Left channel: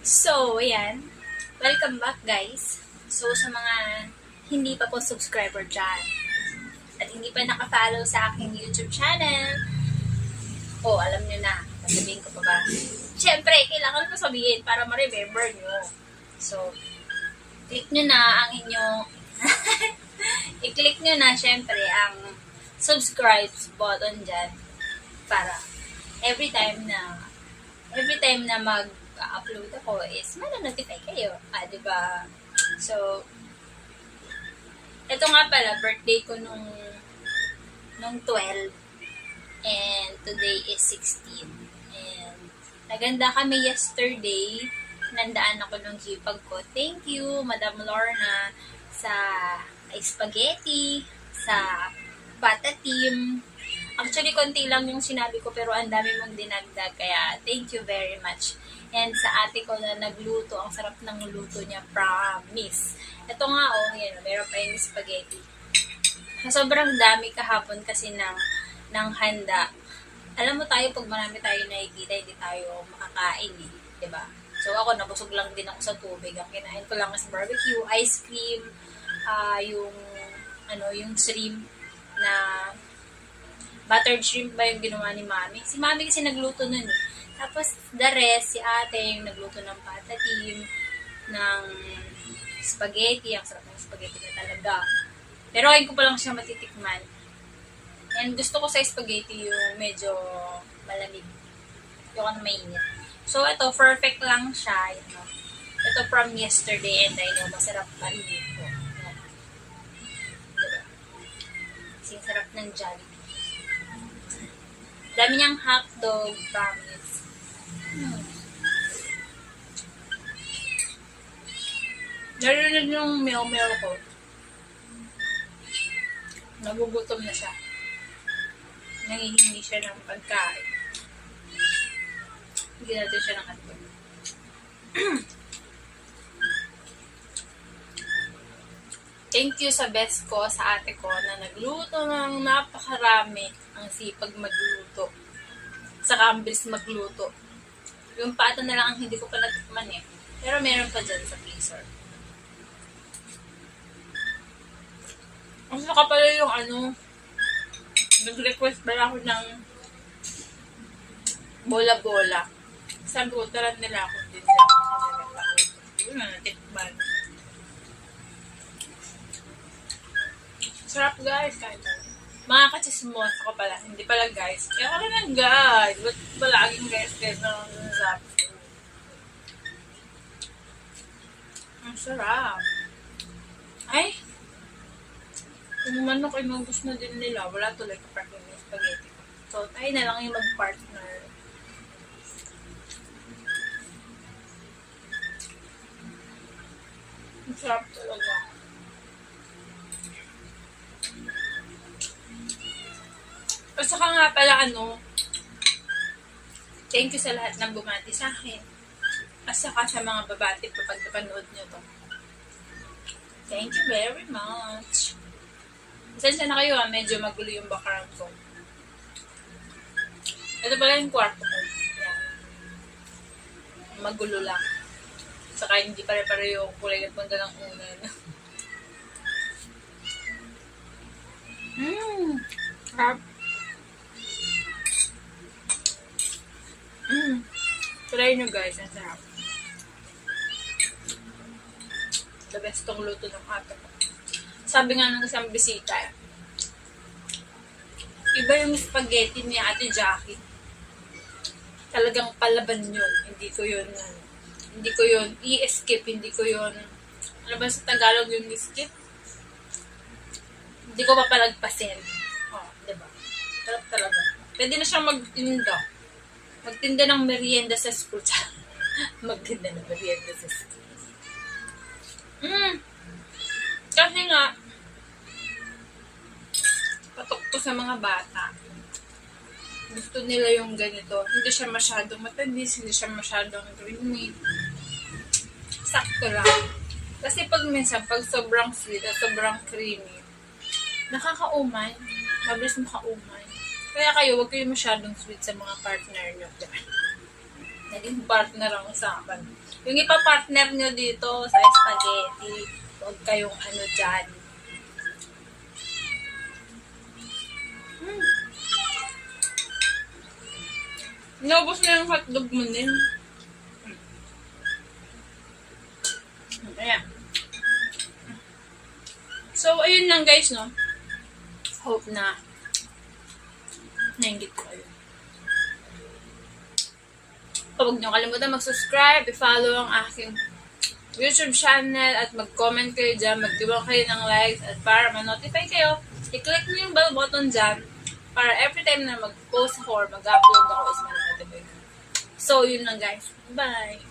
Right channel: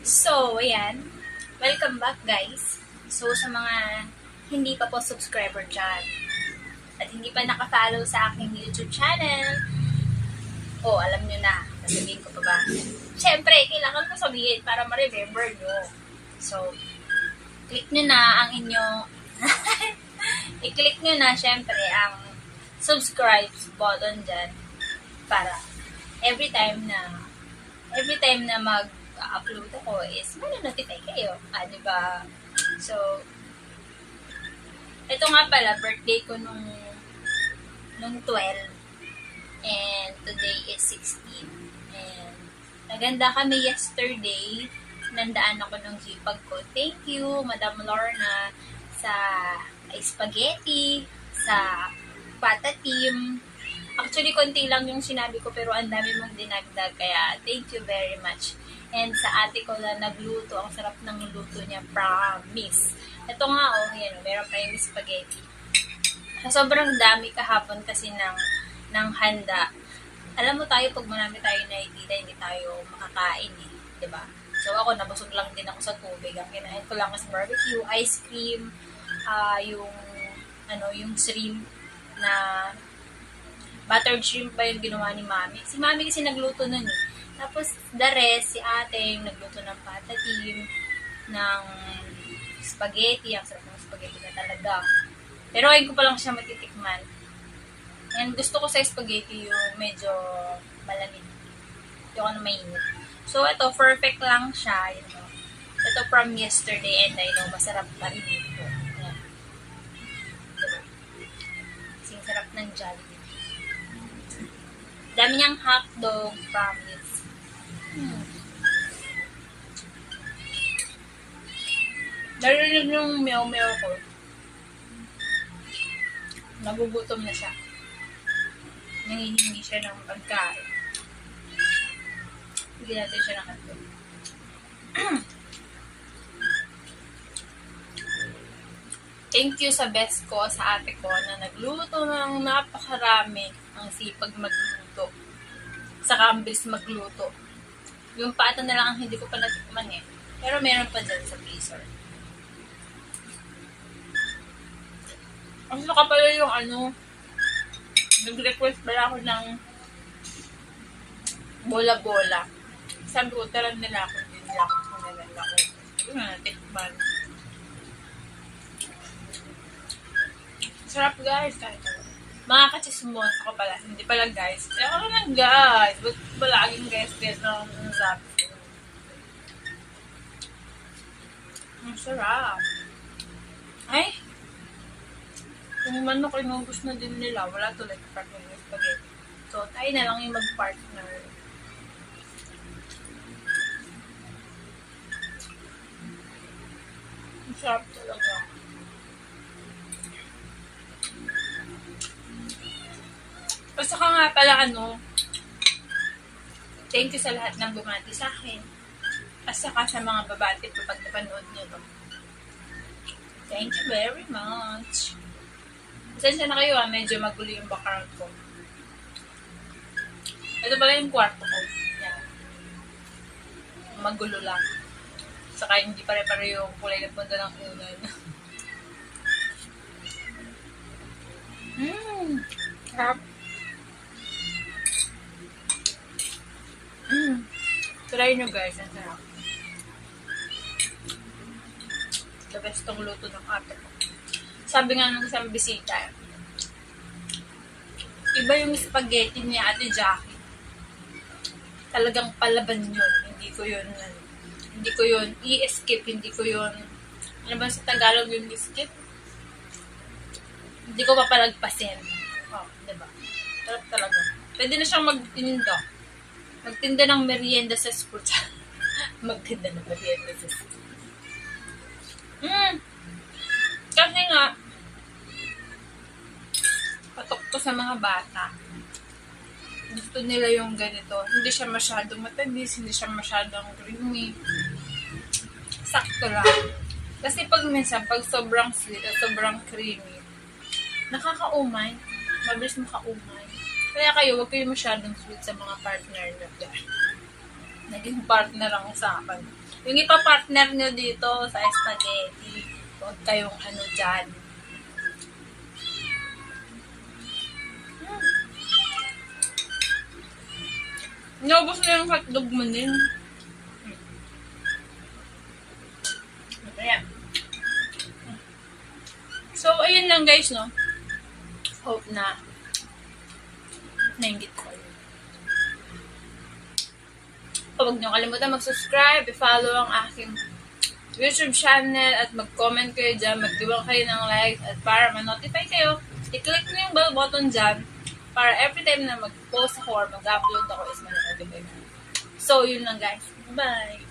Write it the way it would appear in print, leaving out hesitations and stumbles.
So, ayan. Welcome back, guys. So, sa mga hindi pa po subscriber dyan at hindi pa naka-follow sa aking YouTube channel, alam nyo na. Sasabihin ko pa ba? Siyempre, kailangan ko sabihin para ma-remember nyo. So, click nyo na ang inyong i-click nyo na, syempre, ang subscribe button dyan para every time na mag-upload ako is notify kayo. Diba? So, ito nga pala, birthday ko nung 12 and today is 16. And naganda kami yesterday. Nandaan ako nung jipag ko. Thank you, Madam Lorna, sa spaghetti, sa pata team. Actually, konti lang yung sinabi ko pero ang dami mong dinagdag. Kaya, thank you very much. And sa ate ko na nagluto, ang sarap ng luto niya, promise. Ito nga, yan, meron pa yung spaghetti. Sa sobrang dami kahapon kasi ng handa. Alam mo tayo, pag marami tayo nakikita, hindi tayo makakain eh. Diba? So, ako, nabusog lang din ako sa tubig. Ang kinain ko lang is barbecue, ice cream, yung shrimp na buttered shrimp ba yung ginawa ni Mami? Si Mami kasi nagluto nun eh. Tapos, the rest, si ate yung nagluto ng pata team, ng spaghetti. Ang sarap ng spaghetti na talaga. Pero ayun ko pa lang siya matitikman. And gusto ko sa spaghetti yung medyo malamig. Yung mainit. So, ito, perfect lang siya. Ito from yesterday and I know masarap pa rin ito. Ayan. Diba? Kasing sarap ng Jollibee. Dami niyang hotdog, promise. Narinig yung meow-meow ko. Nagugutom na siya. Nangihingi siya ng pagkain. Bigyan natin siya ng hotdog. Thank you sa best ko, sa ate ko, na nagluto ng napakarami. Ang sipag magluto. Saka ang bilis magluto. Yung pata na lang ang hindi ko pa natikman eh. Pero meron pa dyan sa freezer. Ang saka pala yung nag-request pala ako ng bola-bola. Sabi ko, taran nila ako din lang. Hindi ko na natikman. Sarap guys, kahit ano. Mga kachismos ako pala, hindi pala guys. Kaya ako lang guys. Ba't palaging guys na ako nasasabi ko? Ang sarap. Ay! Kung manok inubos na din nila, wala tuloy kapartner ng spaghetti. So, tayo na lang yung mag-partner. Ang sarap talaga. At saka nga pala thank you sa lahat ng bumati sa akin. At saka sa mga babati kapag napanood nyo to. Thank you very much. Pasensya na kayo medyo magulo yung background ko. Ito pala yung kwarto ko. Yan. Magulo lang. Saka hindi pare-pare yung kulay na punta ng unan. Sarap. Try nyo guys, ang sarap. The best tong luto ng ate ko. Sabi nga ng isang bisita, iba yung spaghetti ni Ate Jackie. Talagang palaban yun. Hindi ko yun i-skip, hindi ko yun, ano ba sa Tagalog yung skip? Hindi ko papalagpasin. Diba? Sarap talaga. Pwede na siyang magtinda ng merienda sa school. Magtinda ng merienda sa school. Kasi nga, patok ko sa mga bata. Gusto nila yung ganito. Hindi siya masyadong matamis, hindi siya masyadong creamy. Sakto lang. Kasi pag sobrang sweet at sobrang creamy, nakakaumay. Mabilis makaumay. Kaya kayo, huwag kayo masyadong sweet sa mga partner nyo. Naging partner ang usapan. Yung ipa-partner nyo dito sa spaghetti, huwag kayong ano dyan. Naubos na yung hotdog mo din. Ayan. So, ayun lang guys, no? Hope na nainggit ko kayo. Huwag niyo kalimutan mag-subscribe, i-follow ang aking YouTube channel at mag-comment kayo dyan, mag-give kayo ng likes at para ma-notify kayo, i-click niyo yung bell button dyan para every time na mag-post ako or mag-upload ako is ma-notify. So, yun lang guys. Bye!